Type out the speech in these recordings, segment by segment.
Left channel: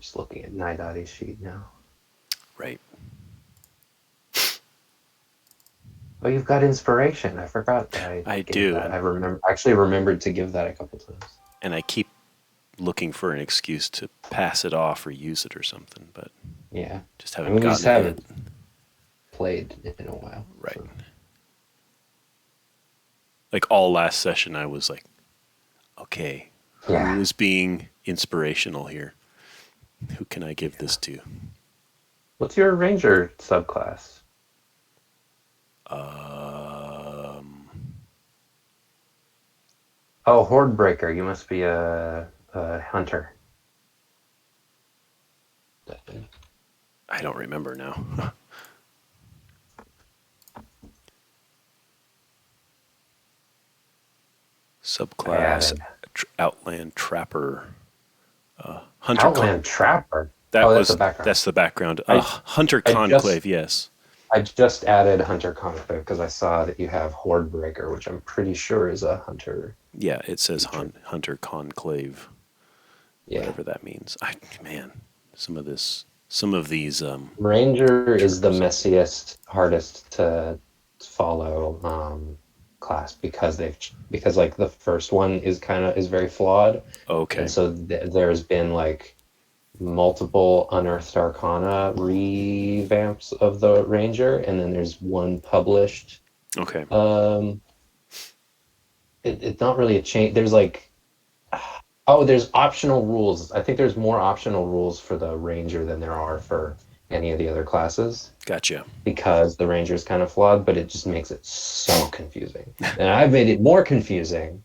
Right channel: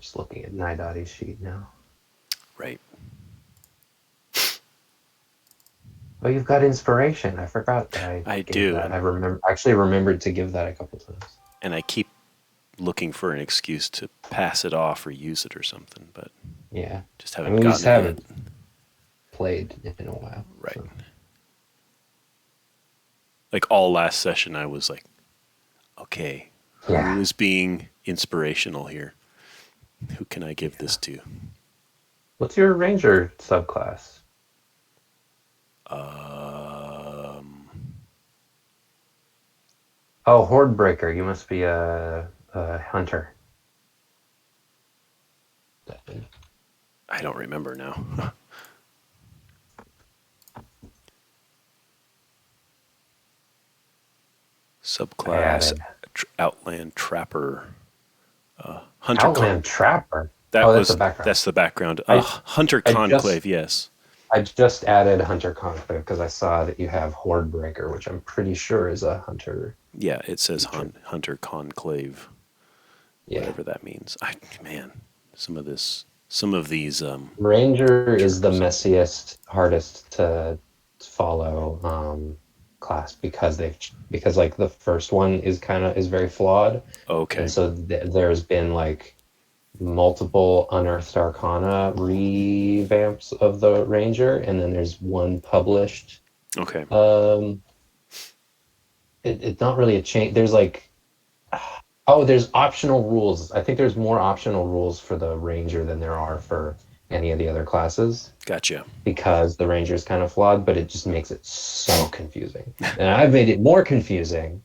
just looking at Nidotti's sheet now. Right. Oh, you've got inspiration. I forgot that I I gave do, that. I actually remembered to give that a couple times. and I keep looking for an excuse to pass it off or use it or something, but Yeah. just haven't We gotten just it yet. haven't played in a while. Right. So. Like all last session, I was like, okay, Yeah. who is being inspirational here? Who can I give this to? What's your ranger subclass? Oh, Horde Breaker. You must be a hunter. I don't remember now. Subclass Outland Trapper. Hunter Outland Trapper. that's the background. That's the background. Hunter Conclave, yes. I just added Hunter Conclave because I saw that you have Horde Breaker, which I'm pretty sure is a hunter. Yeah, it says Hunter Conclave. Yeah. Whatever that means. Man, some of these Ranger is the messiest, hardest to follow class because like the first one is very flawed. Okay. And so there's been like multiple Unearthed Arcana revamps of the Ranger, and then there's one published. Okay. It's not really a change. There's like, there's optional rules. I think there's more optional rules for the Ranger than there are for any of the other classes. Gotcha. Because the Ranger is kind of flawed, but it just makes it so confusing. And I've made it more confusing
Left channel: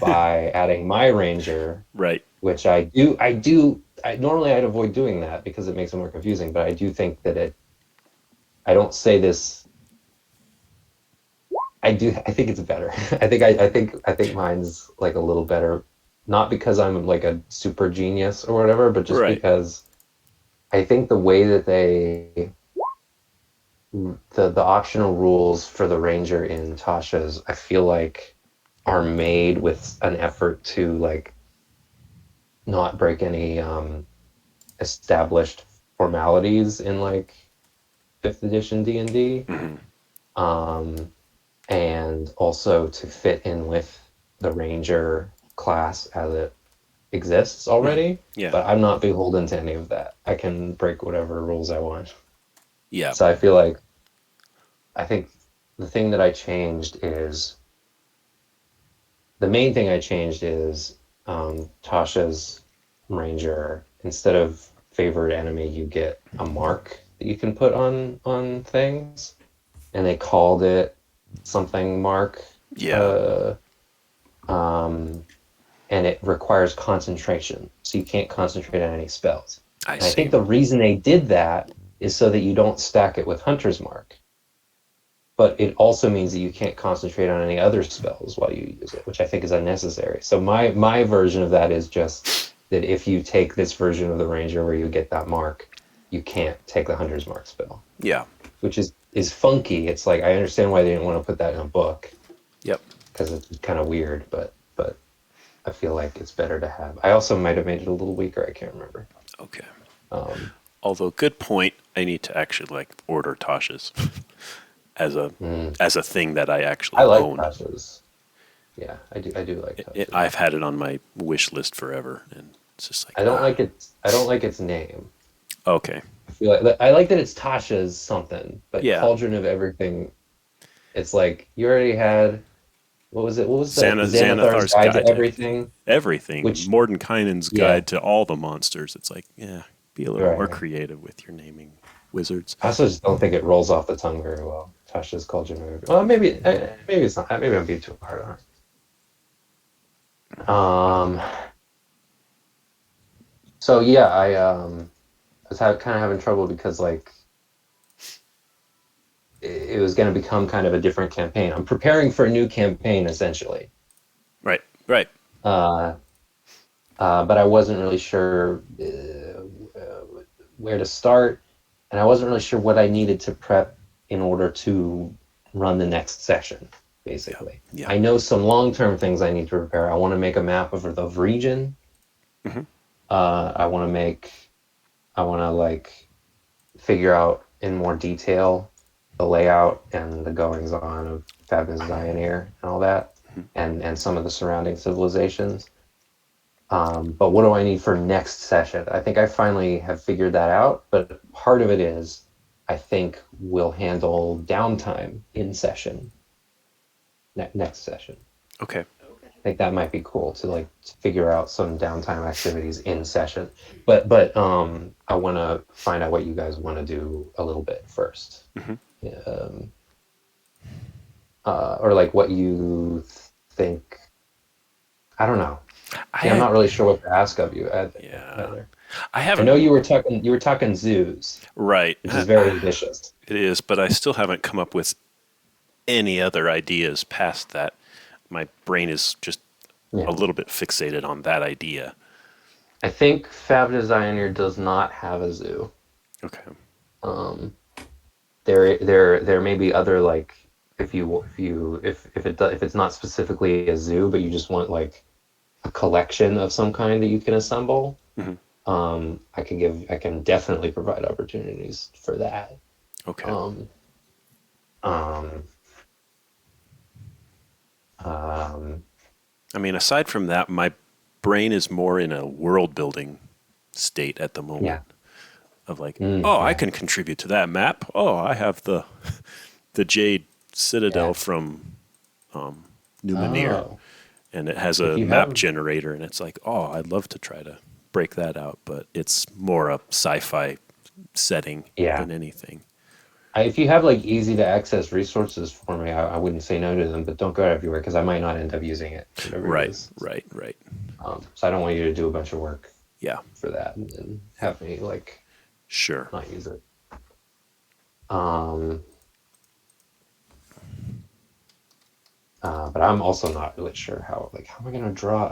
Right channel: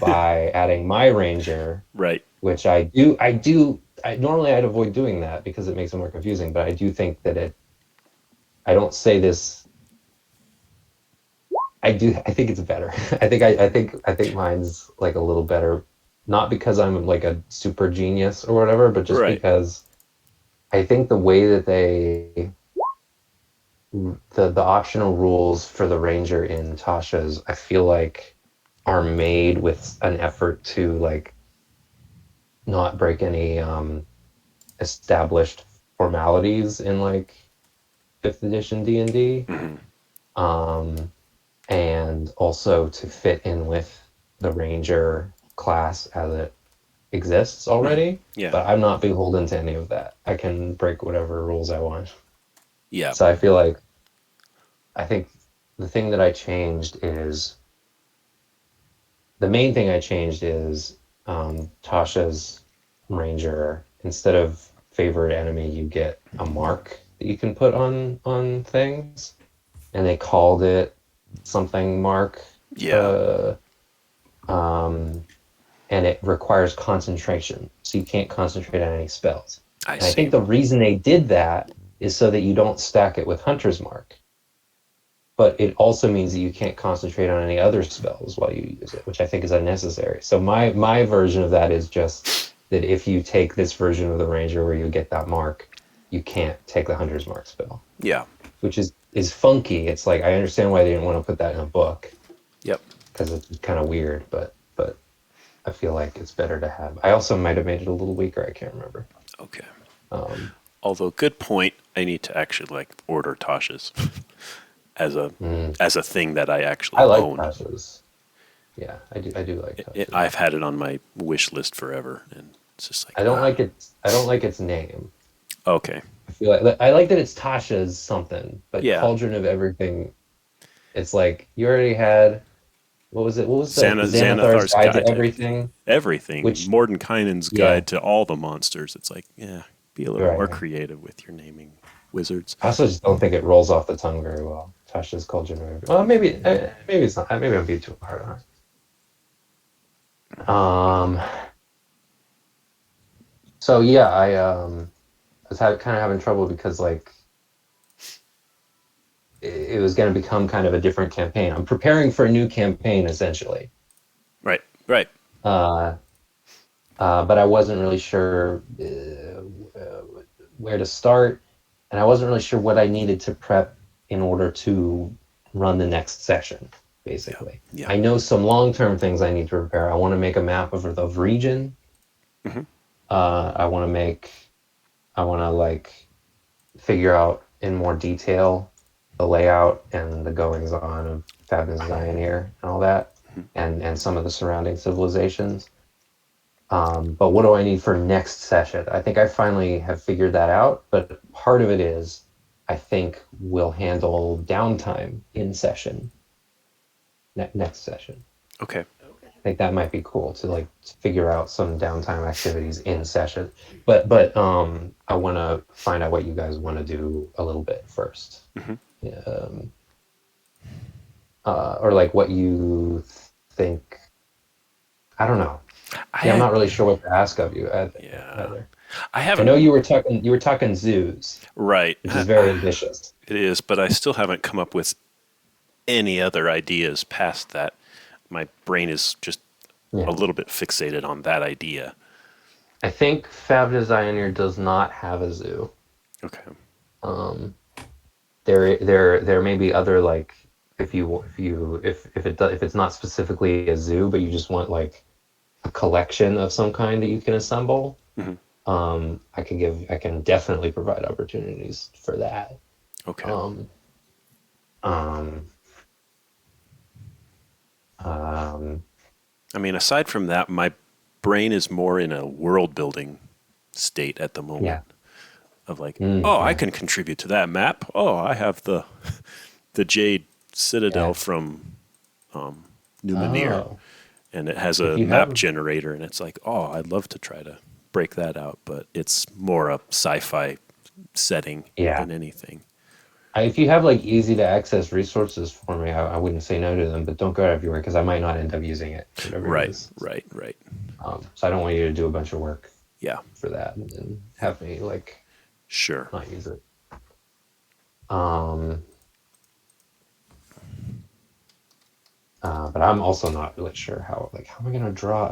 by adding my Ranger. Right. Which normally I'd avoid doing that because it makes it more confusing, but I do think that I don't say this. I think it's better. I think mine's like a little better, not because I'm like a super genius or whatever, but just because I think the way that the optional rules for the Ranger in Tasha's, I feel like are made with an effort to like not break any established formalities in like 5th edition D&D. Mm-hmm. And also to fit in with the Ranger class as it exists already. Yeah. But I'm not beholden to any of that. I can break whatever rules I want. Yeah. So I think the thing that I changed is the main thing I changed is Tasha's Ranger, instead of favorite enemy, you get a mark that you can put on things, and they called it something mark. Yeah. And it requires concentration, so you can't concentrate on any spells. I think the reason they did that is so that you don't stack it with Hunter's Mark. But it also means that you can't concentrate on any other spells while you use it, which I think is unnecessary. So my version of that is just that if you take this version of the Ranger where you get that mark, you can't take the Hunter's Mark spell. Yeah. Which is funky. It's like, I understand why they didn't want to put that in a book. Yep. Because it's kind of weird, but I feel like it's better to have. I also might have made it a little weaker. I can't remember. Okay. Although, good point. I need to actually like order Tasha's as a thing that I actually own. I like Tasha's. Yeah, I do like Tasha's. I've had it on my wish list forever, and it's just like I don't like its name. Okay. I like that it's Tasha's something, but Cauldron of Everything. It's like you already had. What was it? What was that? Xanathar's Guide to Everything. Everything. Mordenkainen's Guide to all the monsters. It's like, be a little more creative with your naming, wizards. I also just don't think it rolls off the tongue very well. Tasha's Cauldron of Everything. Well, maybe it's not. Maybe I'm being too hard on it. So yeah, I was kind of having trouble because like it was going to become kind of a different campaign. I'm preparing for a new campaign, essentially. Right. But I wasn't really sure where to start, and I wasn't really sure what I needed to prep in order to run the next session, basically. Yeah. I know some long-term things I need to prepare. I want to make a map of the region. Mm-hmm. I want to make I want to like figure out in more detail the layout and the goings on of Favennozionir and all that, and some of the surrounding civilizations. But what do I need for next session? I think I finally have figured that out, but part of it is I think we'll handle downtime in session, next session. Okay. I think that might be cool to like figure out some downtime activities in session. But I want to find out what you guys want to do a little bit first. Hmm. Um, or like what you think. I don't know. See, I'm I not really sure what to ask of you yeah. either. I I know haven't you were talking zoos, right. which is very ambitious. It is, but I still haven't come up with any other ideas past that. My brain is just a Yeah. little bit fixated on that idea. I think Favennozionir does not have a zoo. Okay. Um, there may be other like if it's not specifically a zoo, but you just want like a collection of some kind that you can assemble. Hmm. I can definitely provide opportunities for that. Okay. Um, um, um, I mean, aside from that, my brain is more in a world building state at the yeah. moment of like, Mm, oh, I yeah. can contribute to that map. Oh, I have the Jade Citadel Yeah. from Numenir, Oh, and it has if a you map have, generator, and it's like, oh, I'd love to try to break that out, but it's more a sci-fi setting yeah. than anything. If you have like easy to access resources for me, I wouldn't say no to them, but don't go everywhere because I might not end up using it, whatever it Right, is. right, right. So I don't want you to do a bunch of work Yeah, for that and have me like sure. not use it. Um, but I'm also not really sure how am I going to draw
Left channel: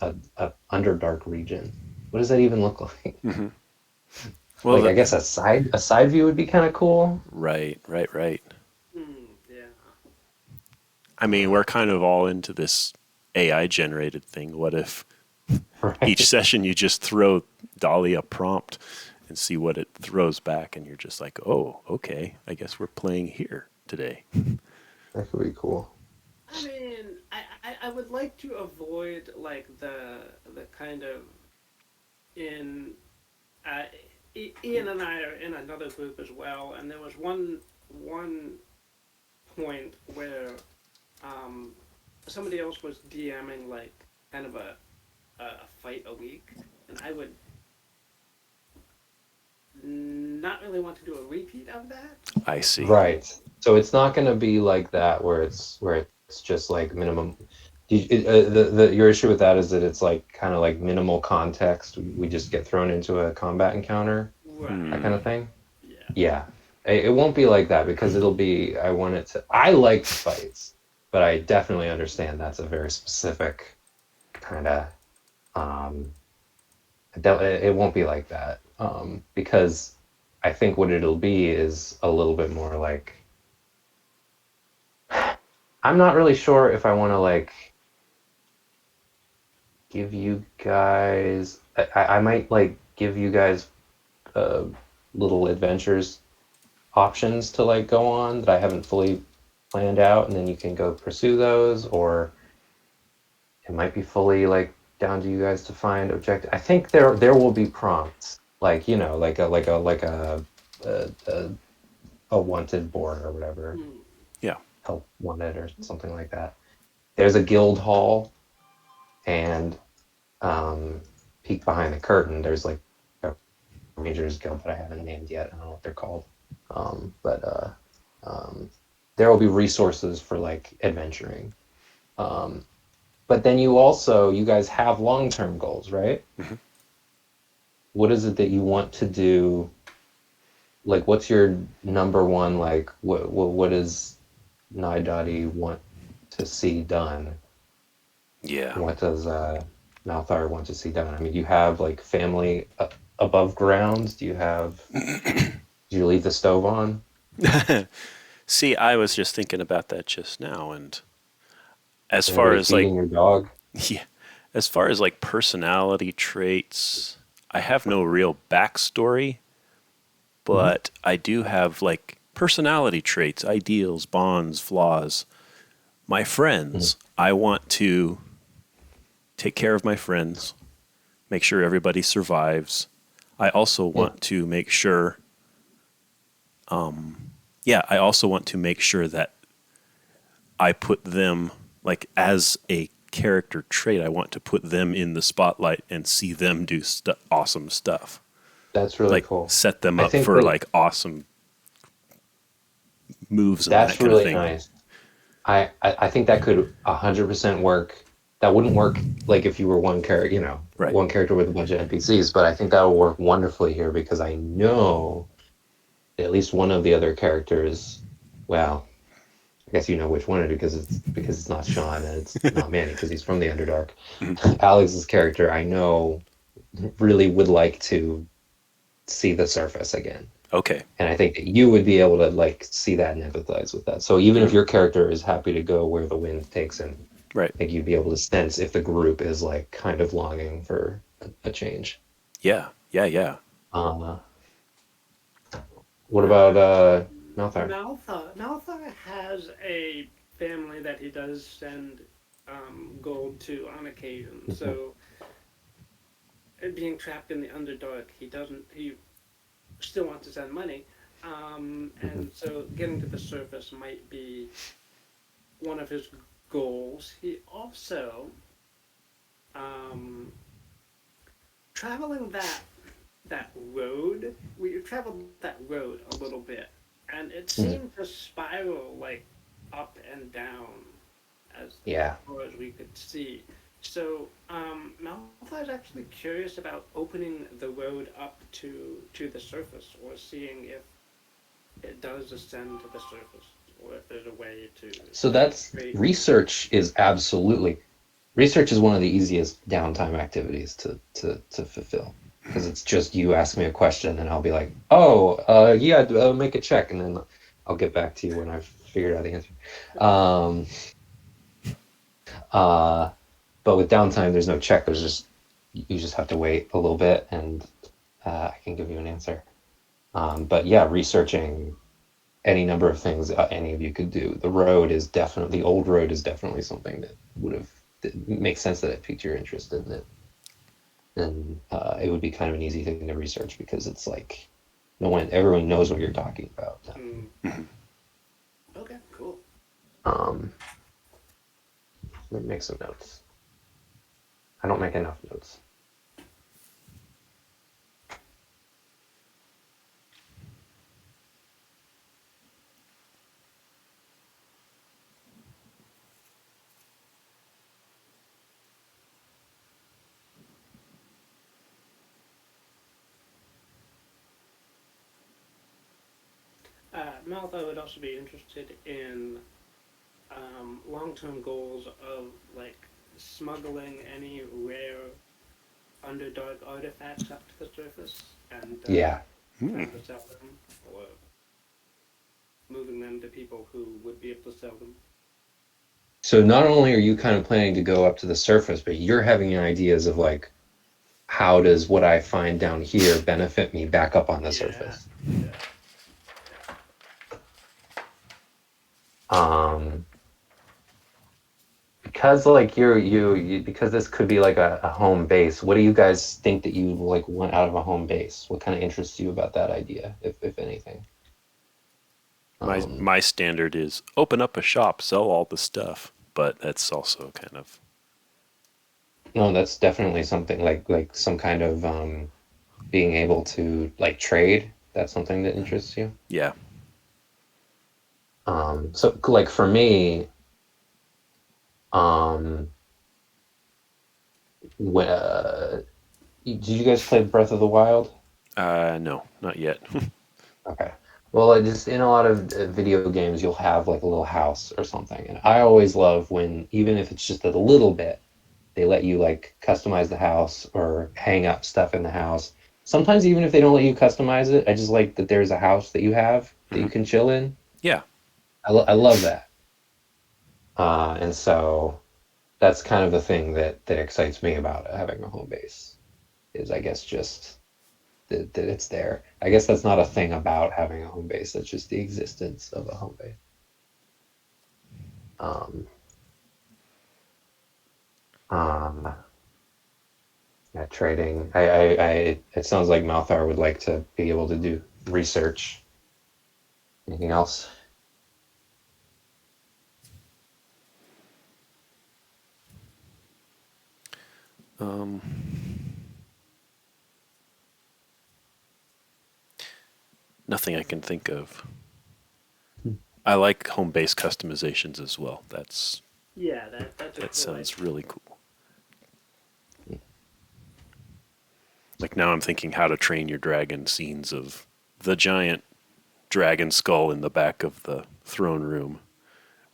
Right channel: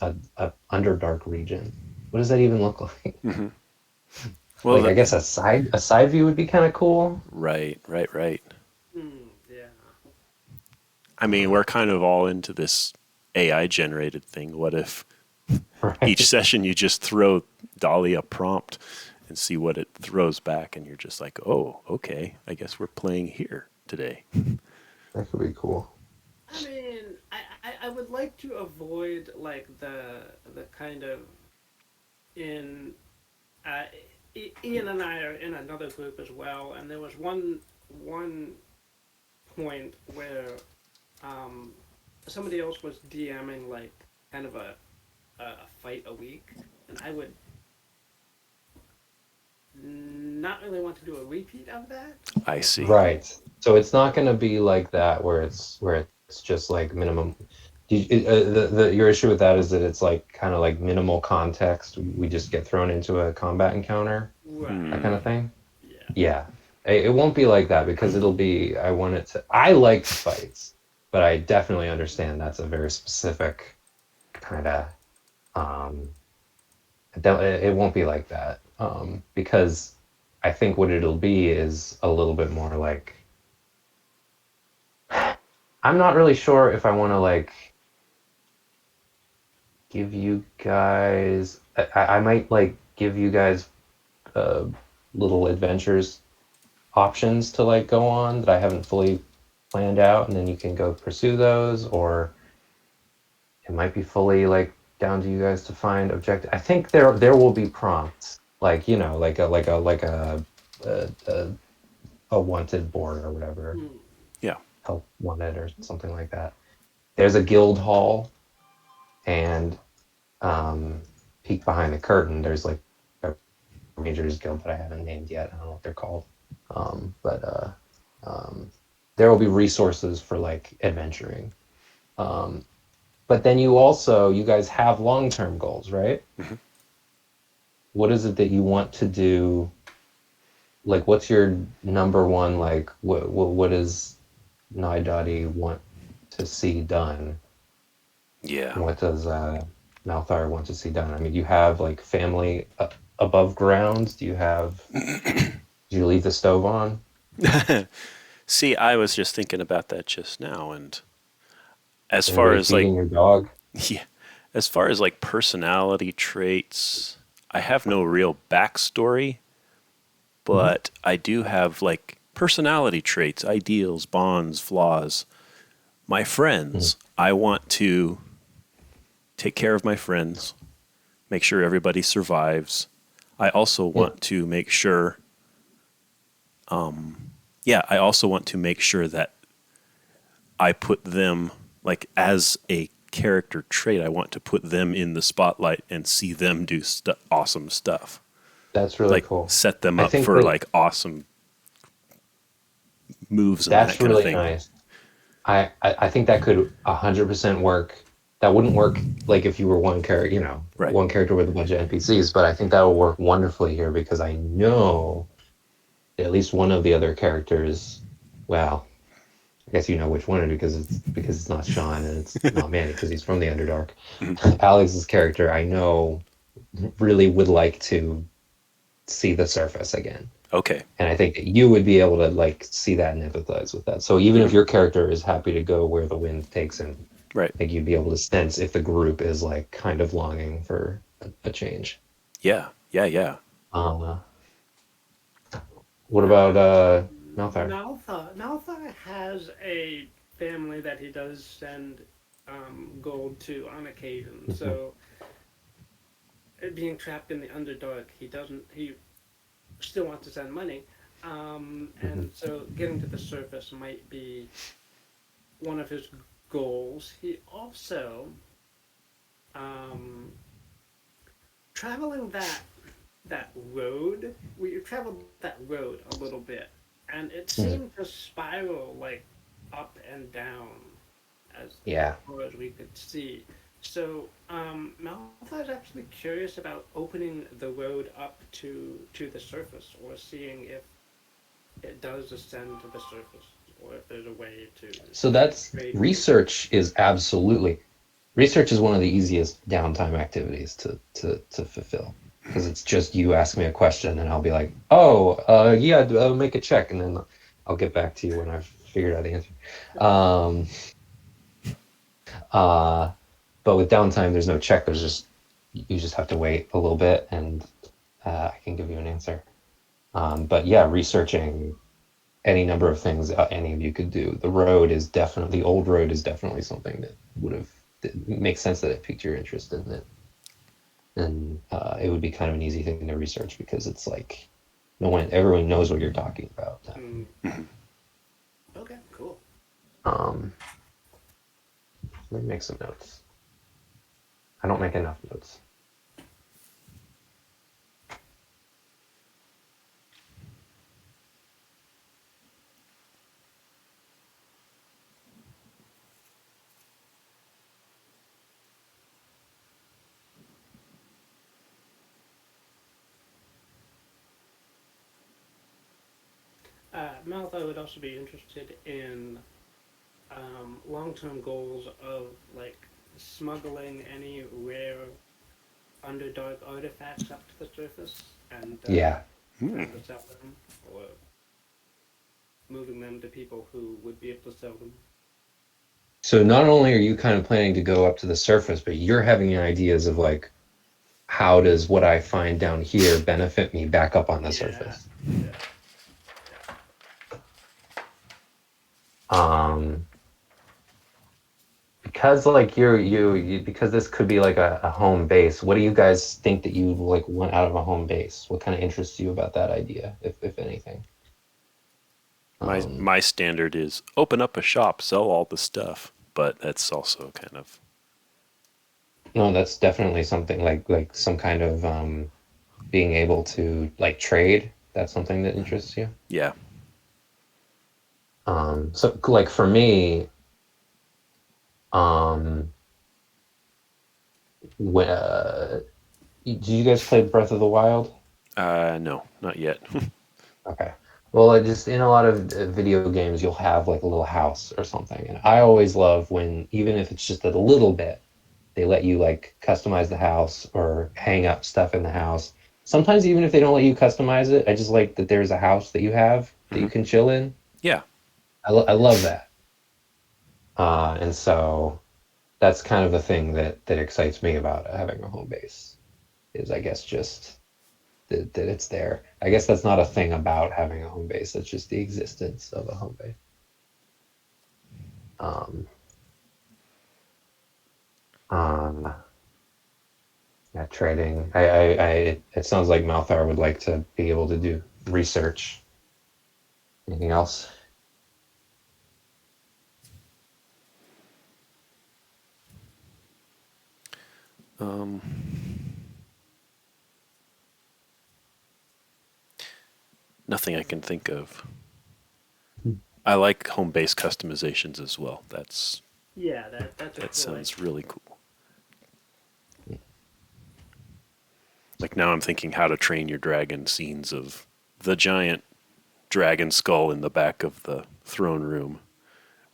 a underdark region? What does that even look like? Hmm. Well, Like I guess a side view would be kind of cool. right, right, right. Yeah. I mean, we're kind of all into this AI generated thing. What if each Right. session you just throw Dolly a prompt and see what it throws back, and you're just like, oh, okay, I guess we're playing here today. That could be cool. I mean, I would like to avoid like the kind of in uh, Ian and I are in another group as well, and there was one point where um, somebody else was DMing like kind of a fight a week, and I would not really want to do a repeat of that. I see. Right. So it's not going to be like that where it's just like minimum. Your issue with that is that it's like kind of like minimal context. We just get thrown into a combat encounter, Right. that Hmm. kind of thing. Yeah. Yeah. It won't be like that because it'll be. I like fights, but I definitely understand that's a very specific kind of. Um, it won't be like that because I think what it'll be is a little bit more like I'm not really sure if I want to like give you guys. I might like give you guys uh, little adventures options to like go on that I haven't fully planned out, and then you can go pursue those, or it might be fully like down to you guys to find objective. I think there will be prompts like a, a wanted board or whatever, Mm. Yeah. help wanted or something like that. There's a guild hall, and peek behind the curtain. There's like a Rangers Guild that I haven't named yet. I don't know what they're called, but there will be resources for like adventuring. Um, but then you guys have long-term goals, right? Hmm. What is it that you want to do? Like, what's your number one? Like, what does Naidati want to see done? Yeah. What does Malthar want to see done? I mean, do you have like family above ground? Do you leave the stove on? See, I was just thinking about that just now, and as Is far anybody as like, feeding your dog? yeah, as far as like personality traits, I have no real backstory, Mhm. but I do have like personality traits, ideals, bonds, flaws. My Mhm. friends, I want to take care of my friends, make sure everybody survives. I also Yeah. want to make sure, yeah, I also want to make sure that I put them, like, as a character trait, I want to put them in the spotlight and see them do awesome stuff. That's really Like, cool. set them I up think for that like awesome moves and that that's kind of really thing. nice. I think that could 100% work. That wouldn't work like if you were one character, Right. one character with a bunch of NPCs, but I think that will work wonderfully here because I know that at least one of the other characters, well, I guess you know which one it is because it's not Sean and it's not Manny because he's from the Underdark. Alex's character, I know, really would like to see the surface again. Okay. And I think that you would be able to like see that and empathize with that. So even if Hmm. your character is happy to go where the wind takes him, Right. I think you'd be able to sense if the group is like kind of longing for a change. Yeah. Yeah. Yeah. Uh, what about Uh, Malthar? Malthar has a family that he does send gold to on occasion. Mhm. So, being trapped in the Underdark, he doesn't. He still wants to send money, Mhm. and so getting to the surface might be one of his goals. He also um, traveling that road. We traveled that road a little bit, and it Mhm. seemed to spiral like up and down as Yeah. far as we could see. So Malphite is actually curious about opening the road up to the surface, or seeing if it does ascend to the surface, or if there's a way So to that's trade with it. research is one of the easiest downtime activities to fulfill because it's just you ask me a question and I'll be like, oh, yeah, make a check, and then I'll get back to you when I've figured out the answer. Um, uh, but with downtime, there's no check. There's just you just have to wait a little bit, and I can give you an answer. But yeah, researching any number of things any of you could do. The old road is definitely something that would have that makes sense that it piqued your interest in it, and it would be kind of an easy thing to research because it's like everyone knows what you're talking about. Mm. Okay, cool. Um, Let me make some notes. I don't make enough notes. Malphite would also be interested in long-term goals of like smuggling any rare underdark artifacts up to the surface and Yeah. trying to sell them, or moving them to people who would be able to sell them. So not only are you kind of planning to go up to the surface, but you're having ideas of like, how does what I find down here benefit me back up on the Yeah, surface? yeah. Um, because like because this could be like a home base. What do you guys think that you like want out of a home base? What kind of interests you about that idea, if anything? Um, My standard is open up a shop, sell all the stuff, but that's also kind of no, that's definitely something like some kind of being able to like trade. That's something that interests you. yeah. So like for me, um, when, did you guys play Breath of the Wild? No, not yet. Okay. Well, I just in a lot of video games, you'll have like a little house or something, and I always love when even if it's just a little bit, they let you like customize the house or hang up stuff in the house. Sometimes even if they don't let you customize it, I just like that there's a house that you have that Hmm. you can chill in. Yeah. I love that. And so that's kind of the thing that excites me about having a home base. is, I guess, just that it's there. I guess that's not a thing about having a home base. That's just the existence of a home base. Um, um, yeah, trading. It sounds like Malthar would like to be able to do research. Anything else? Nothing I can think of. I like home base customizations as well. That's Yeah, that's a that cool sounds idea. really cool. Like now I'm thinking how to train your dragon scenes of the giant dragon skull in the back of the throne room.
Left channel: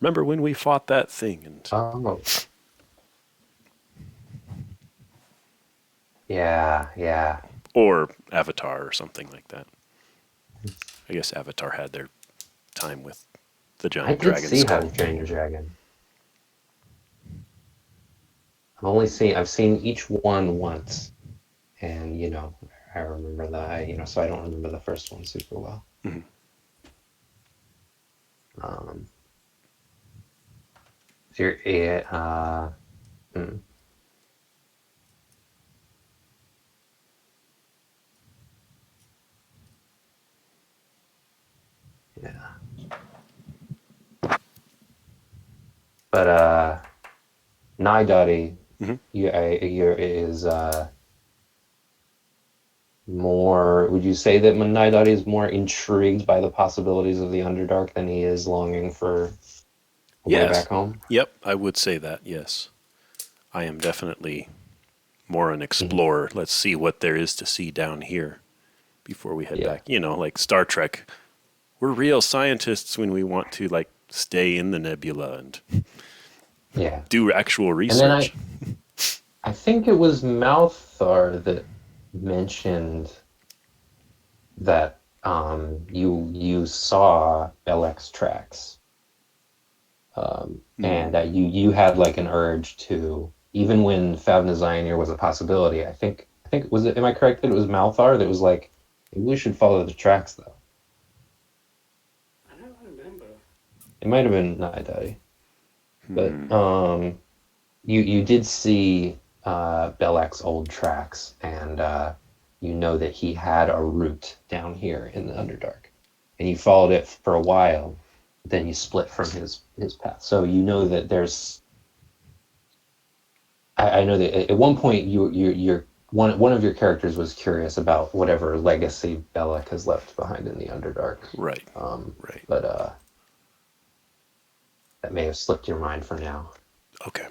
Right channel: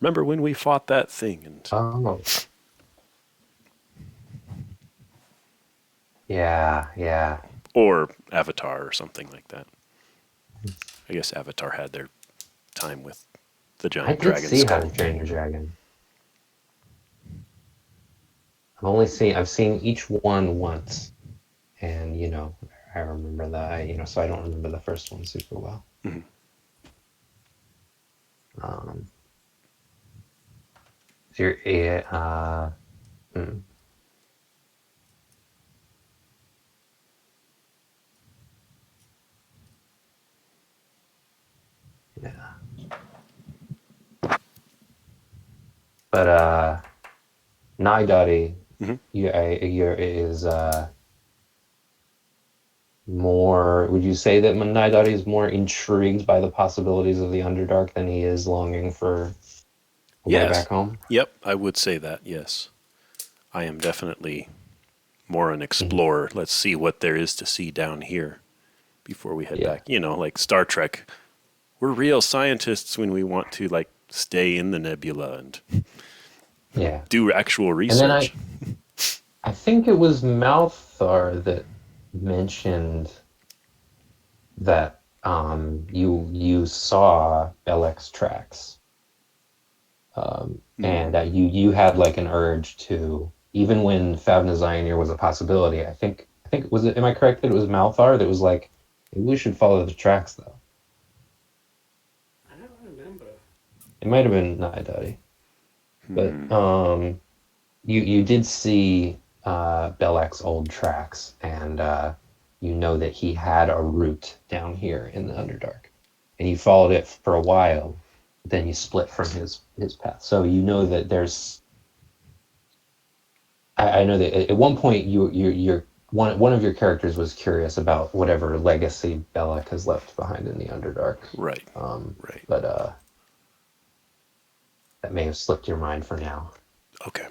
Remember when we fought that thing? And Oh, yeah, yeah. or Avatar or something like that. I guess Avatar had their time with the I giant did dragon see How to skull. Train Your Dragon. I've seen each one once, and I remember so I don't remember the first one super well. Mhm. Um, if you're, eh, hmm, yeah, but Nighdotty, Mhm. is more. Would you say that Nighdotty is more intrigued by the possibilities of the Underdark than he is longing for a way back Yes. home? Yep, I would say that. Yes. I am definitely more an Mhm. explorer. Let's see what there is to see down here before we head Yeah, back. Like Star Trek. We're real scientists when we want to like stay in the nebula and yeah. do actual And then research. I think it was Malthar that mentioned that you saw Belek's tracks, Mm. and that you had like an urge to, even when Favennozionir was a possibility. I think was it, am I correct that it was Malthar that was like, maybe we should follow the tracks though. I don't remember. It might have been Nidadi, but Hmm. you did see Belek's old tracks, and you know that he had a route down here in the Underdark, and you followed it for a while. Then you split from his path, so you know that there's. I know that at one point you're one of your characters was curious about whatever legacy Belek has left behind in the Underdark, Right. um, Right. but that may have slipped your mind for now. Okay.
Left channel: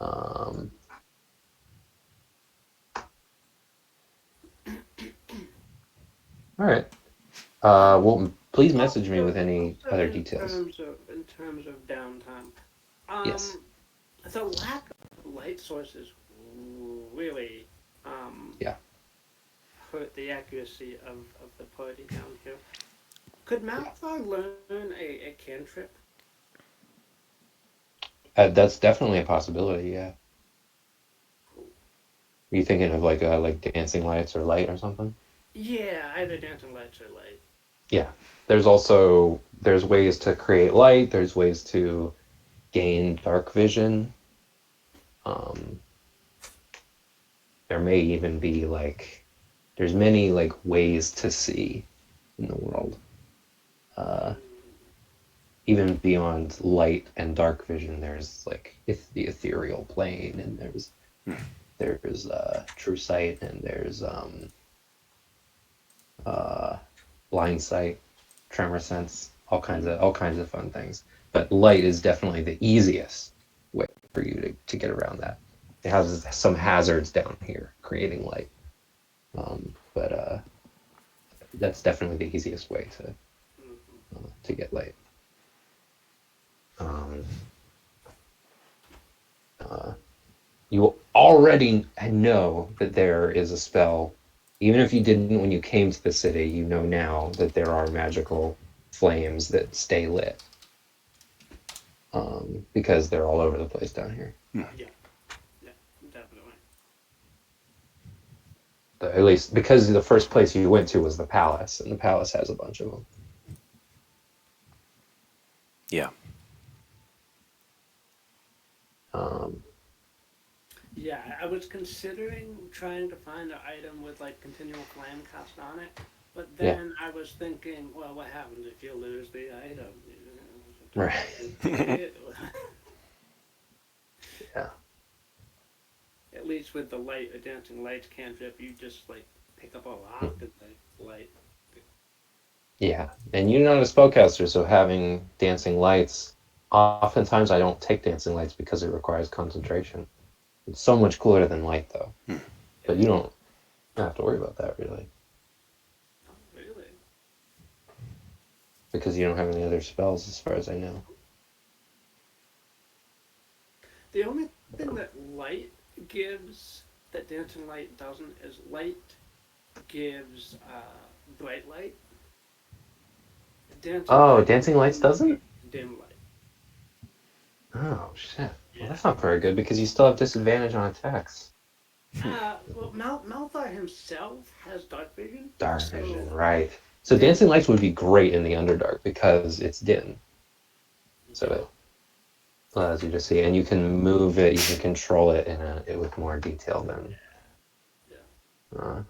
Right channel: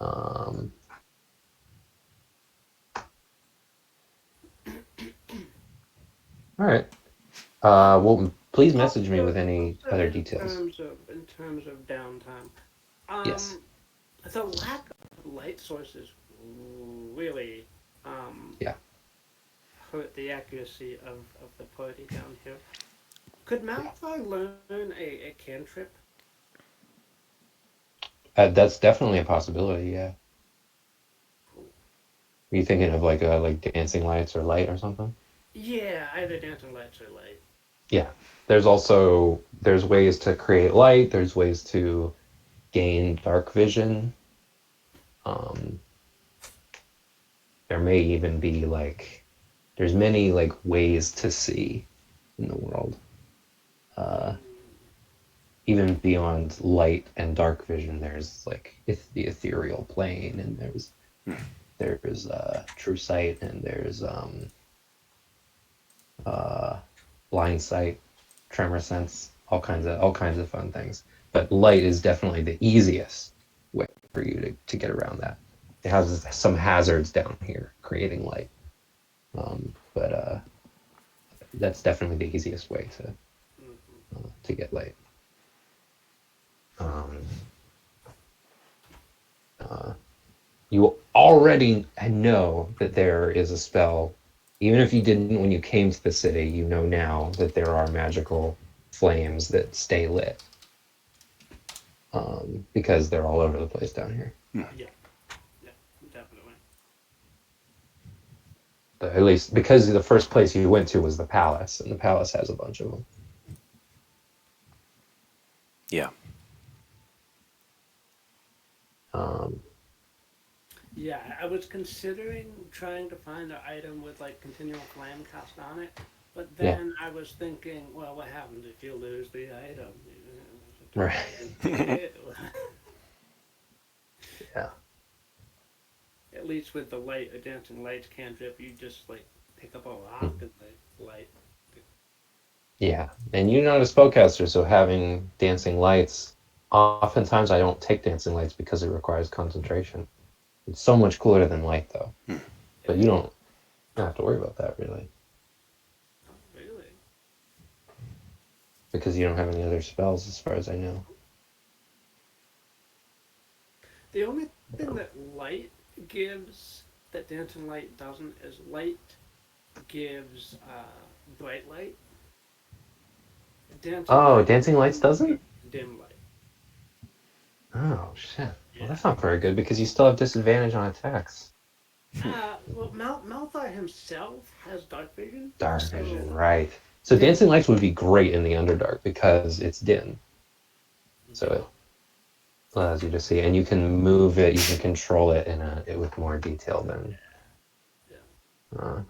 Um, all right. Well, please Oh, message me with any other details. in terms of downtime, Yes. um, the lack of light sources really Yeah. hurt the accuracy of the party down here. Could Malfoy learn a cantrip? That's definitely a possibility. Yeah. Are you thinking of like dancing lights or light or something? Yeah, either dancing lights or light. Yeah. There's ways to create light. There's ways to gain dark vision. Um, there may even be there's many like ways to see in the world. Uh, Even beyond light and dark vision, there's like the ethereal plane, and there's true sight, and there's uh, blind sight, tremor sense, all kinds of fun things. But light is definitely the easiest way for you to get around that. It has some hazards down here creating light, but that's definitely the easiest way to get light. Um, uh, you already know that there is a spell, even if you didn't when you came to the city. You know now that there are magical flames that stay lit, because they're all over the place down here. Hmm. Yeah, yeah. At least because the first place you went to was the palace, and the palace has a bunch of them. Yeah. Yeah, I was considering trying to find an item with like continual flame cast on it, but Yeah. then I was thinking, well, what happens if you lose the item? Right. Yeah. At least with the light, a dancing lights cantrip, you just like pick up a rock and the light. Yeah. And you're not a spellcaster, so having dancing lights, oftentimes I don't take dancing lights because it requires concentration. It's so much cooler than light, though. But you don't have to worry about that, really. Really? Because you don't have any other spells, as far as I know. The only thing that light gives that dancing light doesn't is light gives bright light. Dancing Oh, light dancing lights doesn't? dim light. Oh, shit. Well, Yeah. that's not very good because you still have disadvantage on attacks. Well, Malthar himself has dark vision. Dark so vision, right. So dim- dancing lights would be great in the Underdark because it's dim. So it allows you to see, and you can move it, you can control it with more detail than. Yeah.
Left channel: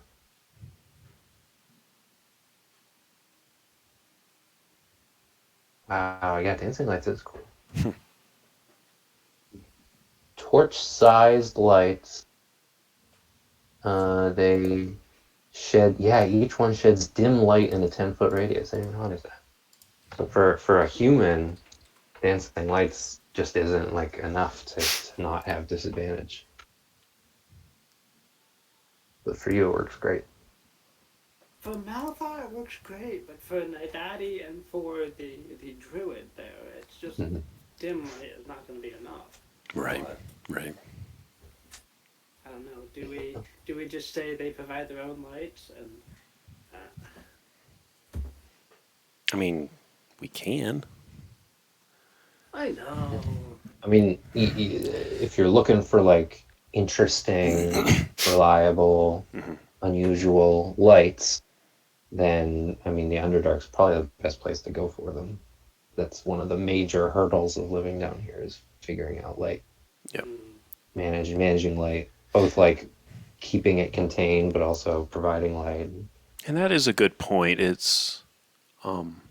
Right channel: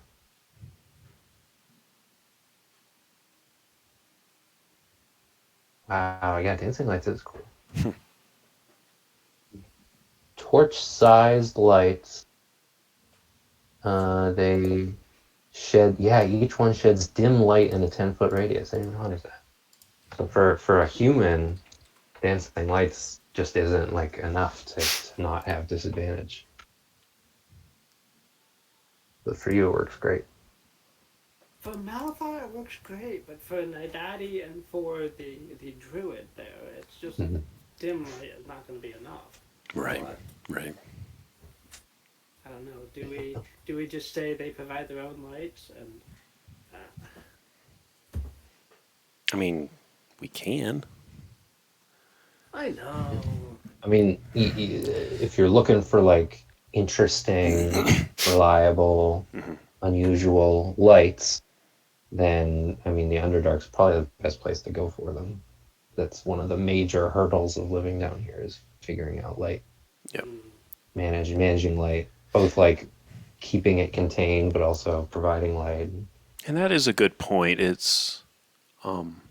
Wow, yeah, dancing lights is cool. Torch-sized lights. They shed, yeah, each one sheds dim light in a 10-foot radius. I didn't even notice that. So for a human, dancing lights just isn't like enough to not have disadvantage. But for you, it works great. For Malthar, it works great, but for Nidati and for the druid there, it's just Mhm. dim light is not going to be enough. Right. But, Right. I don't know. Do we just say they provide their own lights and? I mean, we can. I know. I mean, if you're looking for like interesting, reliable, unusual lights, then I mean the Underdark's probably the best place to go for them. That's one of the major hurdles of living down here is figuring out light, Yep. managing light, both like keeping it contained but also providing light. And that is a good point. It's I'm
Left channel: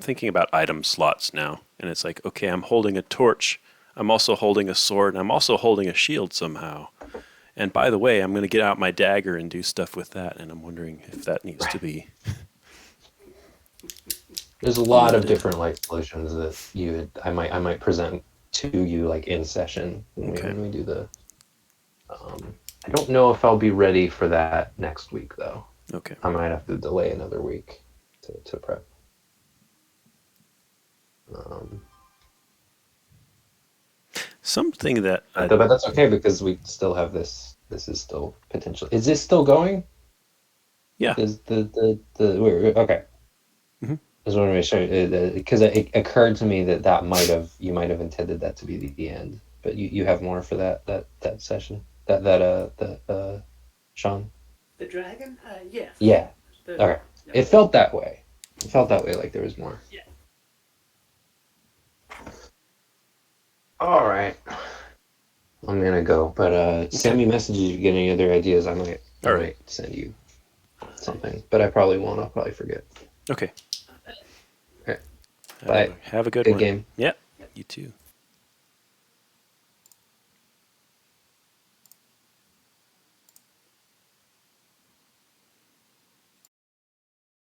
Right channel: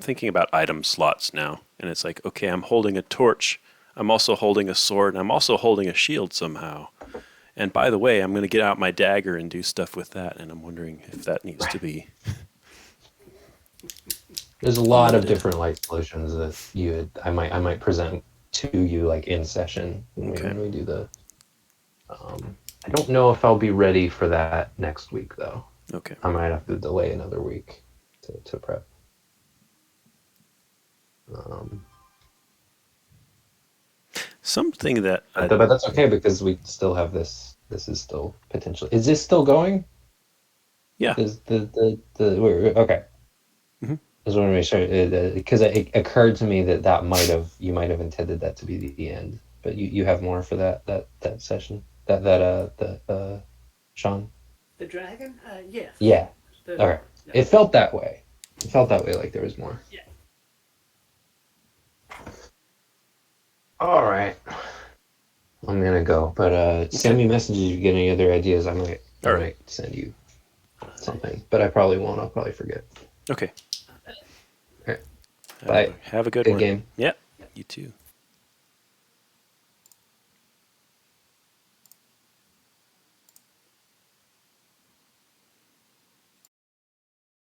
thinking about item slots now, and it's like, okay, I'm holding a torch, I'm also holding a sword, and I'm also holding a shield somehow. And by the way, I'm going to get out my dagger and do stuff with that, and I'm wondering if that needs to be. There's a lot of Limited. different light solutions that I might present to you like in session when we do the. I don't know if I'll be ready for that next week though. Okay. I might have to delay another week to prep. Something that But that's okay because we still have this. This is still potential. Is this still going? yeah. Is okay? Mhm. I just want to make sure because it occurred to me that you might have intended that to be the end, but you have more for that session Sean. The dragon? Yes. Yeah. Okay. Yeah. It felt that way. It felt that way, like there was more. Yeah. All right. I'm gonna go, but send me messages if you get any other ideas. I might send you something, but I probably won't. I'll probably forget. Okay. Okay. Have a good one. Game. Yep. You too.